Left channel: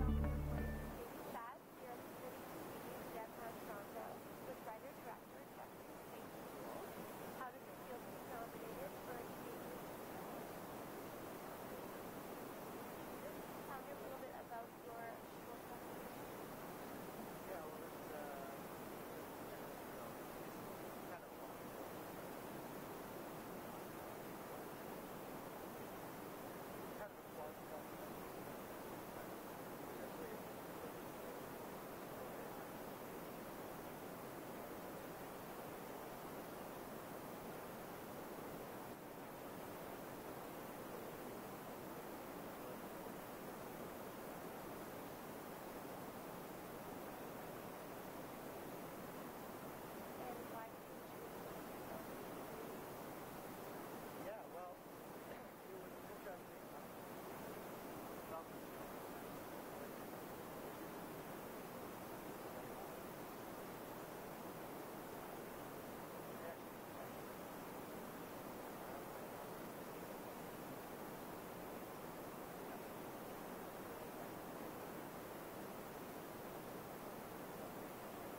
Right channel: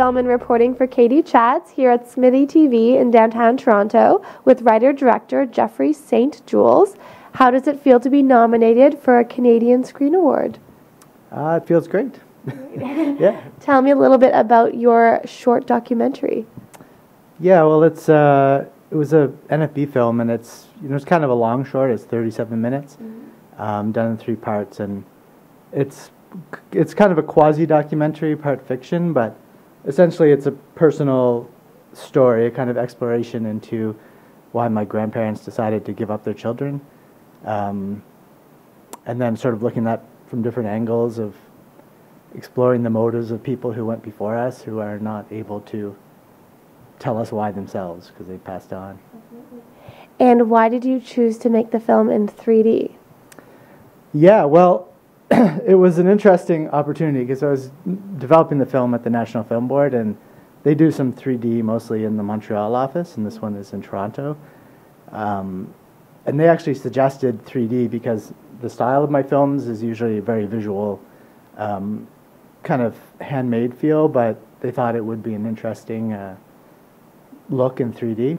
Uhlmann reporting for Katie Chats here at SMITHEE TV in downtown Toronto with writer-director Jeffrey St. Jules. How does it feel to be nominated for a Canadian Screen Award? It feels great. Yeah. Tell me a little bit about your short documentary. Yeah, well, it was a NFB film, and it's kind of a long short. It's 37 minutes, done in 3 parts, and it's kind of a quasi-documentary, part fiction, but essentially it's a personal story, a kind of exploration into why my grandparents decided to give up their children, and then sort of looking at from different angles of exploring the motives of people who went before us who are not able to tell us why themselves because they passed on. And why did you choose to make the film in 3D? Yeah, well, it was an interesting opportunity because I was developing the film at the National Film Board, and they do some 3D mostly in the Montreal office, and this one is in Toronto. And they actually suggested 3D because the style of my films is usually a very visual, kind of handmade feel, but they thought it would be an interesting look in 3D.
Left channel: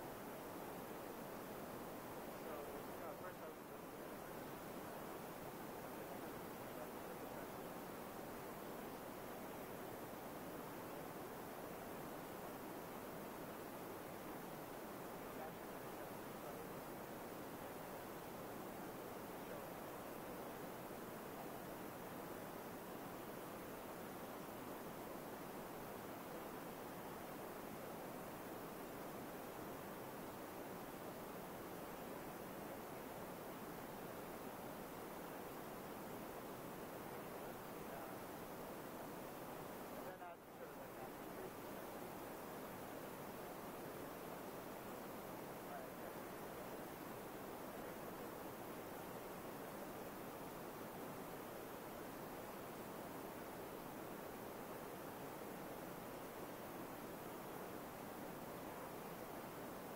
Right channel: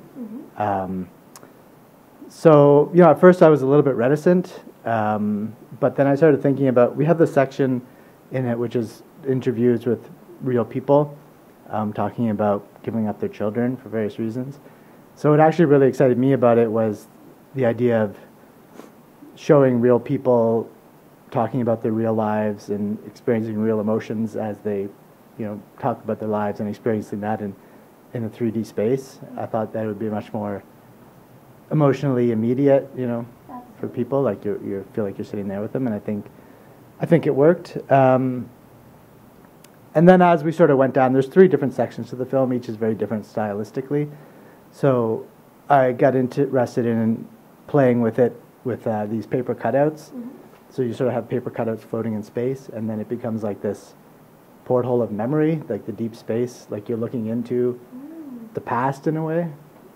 So, at first I was a little bit reticent, but then I started thinking about, we have this section in it which is interviews with real people talking about giving up their children for various reasons. So what actually really excited me about it was the idea of showing real people talking about their real lives and experiencing real emotions as they, talk about their lives and experiencing that in a 3D space. I thought that would be much more emotionally immediate, for people, like you feel like you're sitting there with them, and I think it worked. And then as we sort of went down, there's 3 different sections to the film, each is very different stylistically. So I got interested in playing with it with these paper cutouts. So you sort of have paper cutouts floating in space, and then it becomes like this porthole of memory, like the deep space, like you're looking into the past in a way.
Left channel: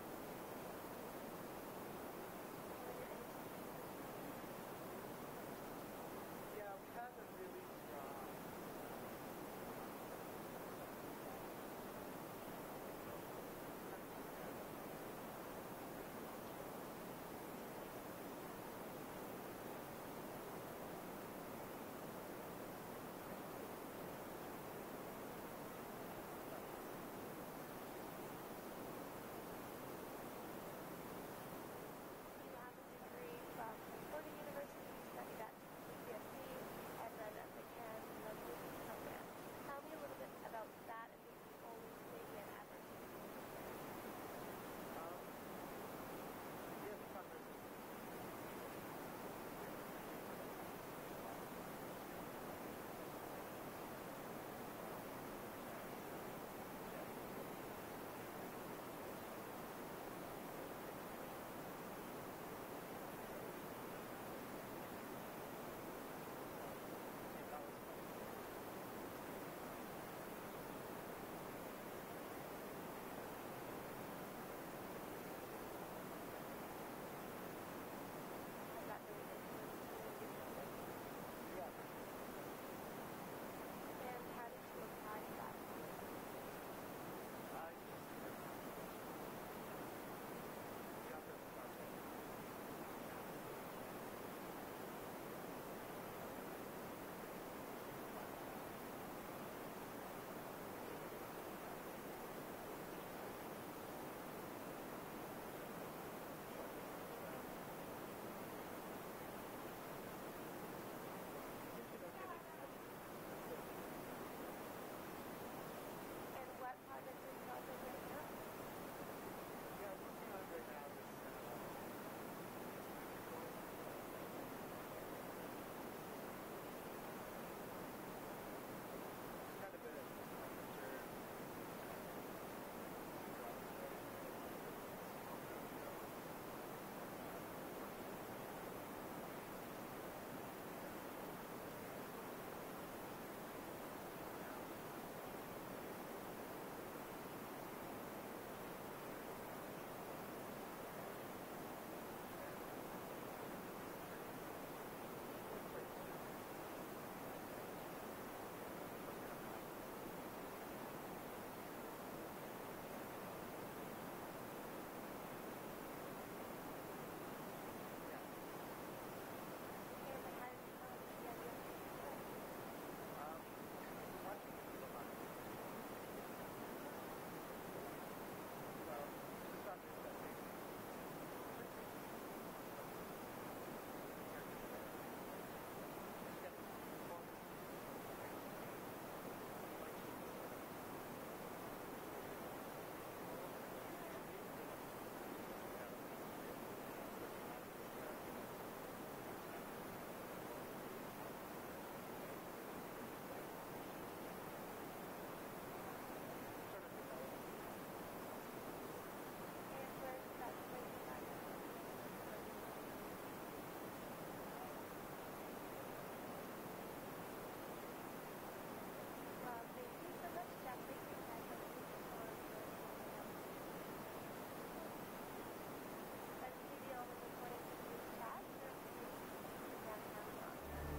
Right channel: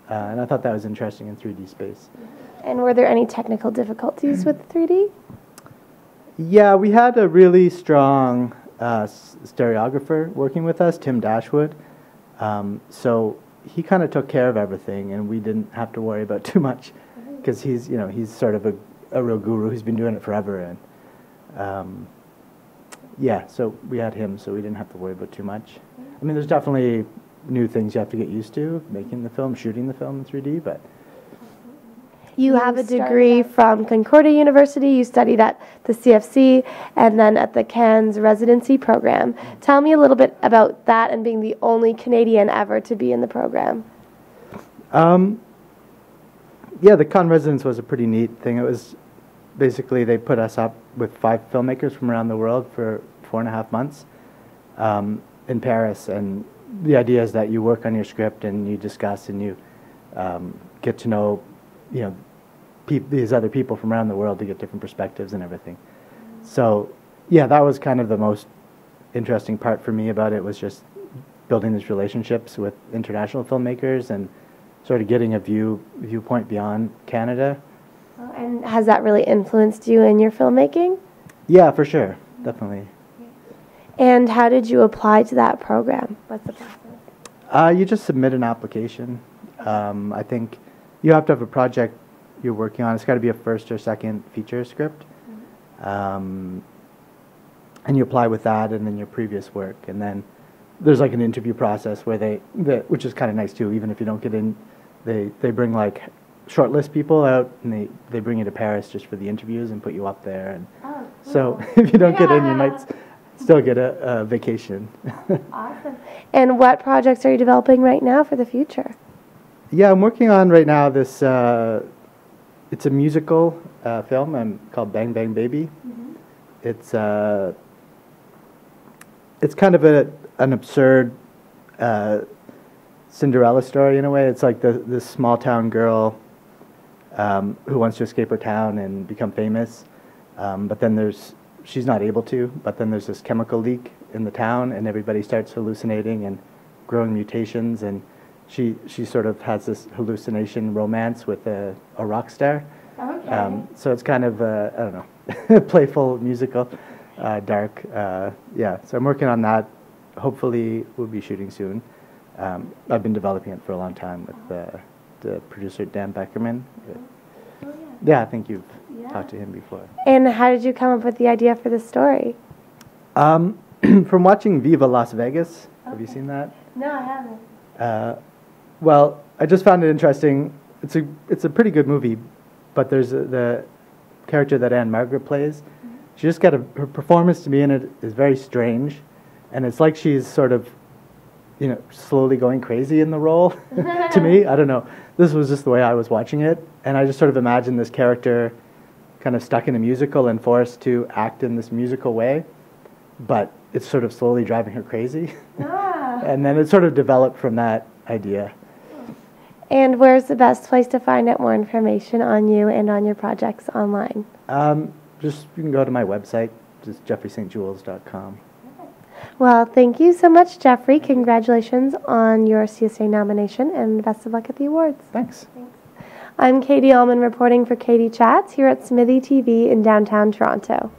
And I thought that was interesting in 3D space. And were there any technical difficulties with 3D? Yeah, we had a really strong stereographer working with us, Tim Dashwood. So he kind of took care of everything, and we didn't have to worry about too much because he's sort of a real guru who's been doing it forever. And yeah, so we had him, so we didn't have to worry about too much. I mean, there's definitely new things you have to get used to, making the film, shooting the film in 3D, but... You have a degree from Concordia University, you studied at the C.F.A. and then at the Cannes residency program. Tell me a little bit about that and being the only Canadian ever to be in the program. Yeah, the Cannes residence was a pretty neat thing. It was basically they put us up with 5 filmmakers from around the world for 4.5 months in Paris, and the idea is that you work on your script and you discuss and you get to know these other people from around the world to get different perspectives and everything. So yeah, that was kind of the most interesting part for me about it, was just building these relationships with international filmmakers and sort of getting a viewpoint beyond Canada. And has that really influenced you in your filmmaking? Yeah, for sure, definitely. And how did you apply to that program? What's the process? You just submit an application. I think you have to have a project you're working on. It's got to be a first or second feature script. And you apply with that and then your previous work. And then there's like an interview process where which is kind of nice too, even if you don't get in, they bring like shortlist people out and they bring you to Paris just for the interviews and put you up there. And cool. So if you don't get in, you might still get a vacation. Awesome. And what projects are you developing right now for the future? Yeah, I'm working on right now this, it's a musical film called Bang Bang Baby. It's kind of an absurd Cinderella story in a way. It's like this small town girl who wants to escape her town and become famous, but then she's not able to, but then there's this chemical leak in the town and everybody starts hallucinating and growing mutations, and she sort of has this hallucination romance with a rock star. Okay. So it's kind of, I don't know, playful, musical, dark. Yeah, so I'm working on that hopefully we'll be shooting soon. I've been developing it for a long time with the producer Dan Beckerman. Yeah, I think you've talked to him before. And how did you come up with the idea for the story? From watching Viva Las Vegas. Have you seen that? No, I haven't. Well, I just found it interesting. It's a pretty good movie, but there's the character that Anne Margaret plays. She just got her performance to me in it is very strange, and it's like she's sort of, slowly going crazy in the role. To me, I don't know. This was just the way I was watching it, and I just sort of imagined this character kind of stuck in a musical and forced to act in this musical way, but it's sort of slowly driving her crazy. And then it sort of developed from that idea. And where's the best place to find out more information on you and on your projects online? You can go to my website, just jeffreystjules.com. Well, thank you so much, Jeffrey. Congratulations on your C.S.A. nomination, and best of luck at the awards. Thanks. I'm Katie Uhlmann reporting for Katie Chats here at SMITHEE TV in downtown Toronto.